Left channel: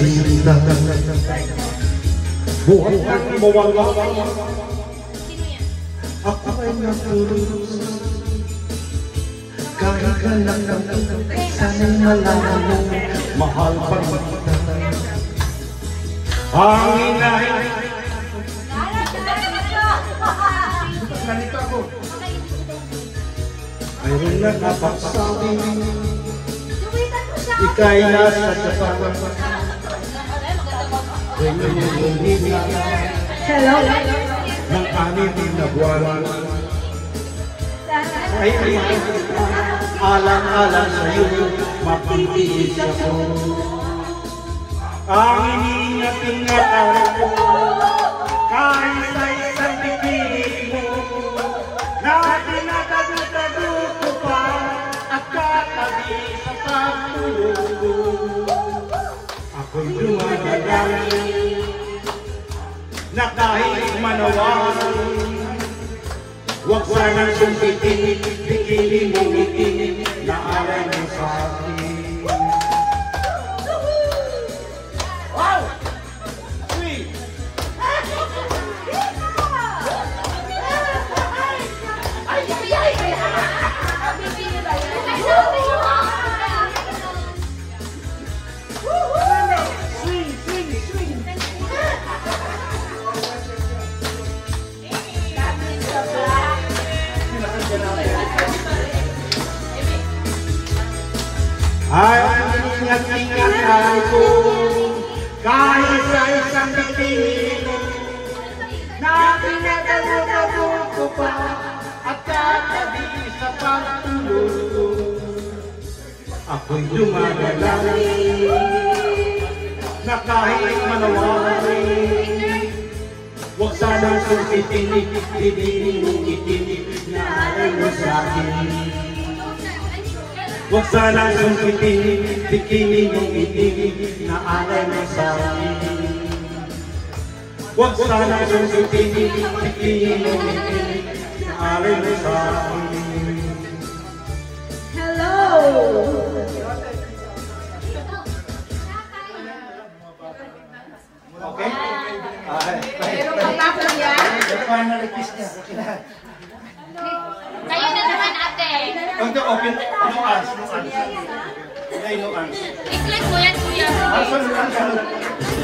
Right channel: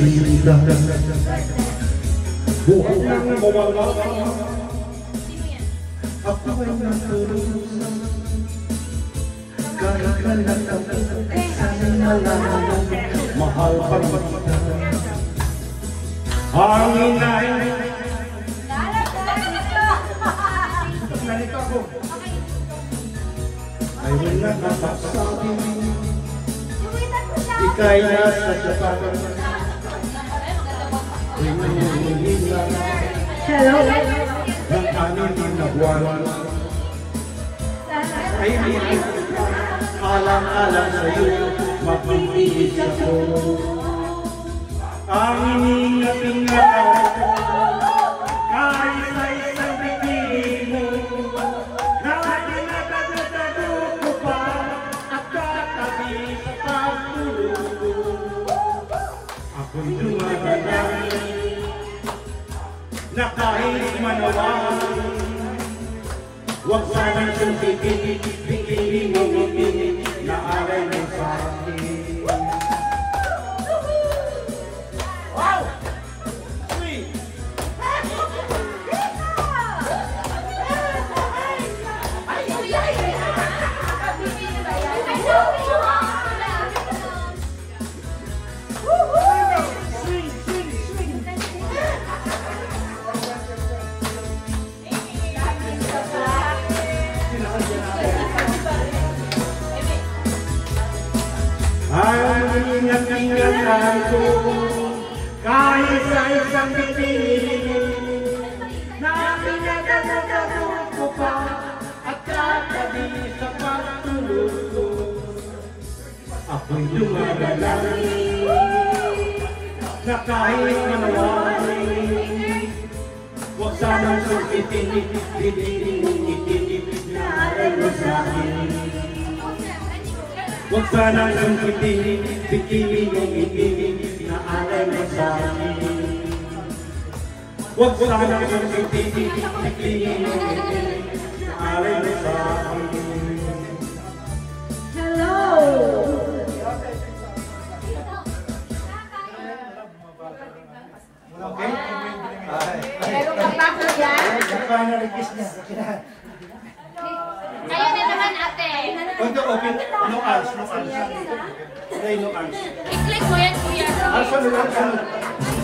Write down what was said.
sinta. Buhay nang mawala. Ako ay naturusa. Kahit ka lang sana'y malaman, mahal pa kita. Ang inay. Narito ako. Mayroon na kapagsabi. Ika'y nasa Japan. Hello? Ng anim na buwan. Ay, alam-alam sa'yo, mapipigil ako. Ang iningapin na ako, kahit sa isang bibig mo, na tinatago ko pa, at katabi sa pagtulog. Ako'y dumadalangin, na kahit manawan, huwag sanang sumpitin, bikini mo ngitin, na alay mo sa akin. Wow! Sweet! Ay, ingat-ingat ako, kahit sa isang bibig mo, na pinagalago ko pa, at katabi sa pagtulog. Ako'y dumadalangin, na kahit manawarin, huwag sanang sumpitin, bibig mong itinipid na aral mo sa'kin. Huwag sanang sumpitin, bikini mong itigil na alay mo sa'kin. Huwag sanang sumpitin, bikini mong itigil na alay mo sa'kin. Hello? Okay? Meron ka pa po yan? Paano request niya? Kayo na naman, ate. Ito, okay. No arms, no arms. No arms. I-click mo yan, kuya. Sunod.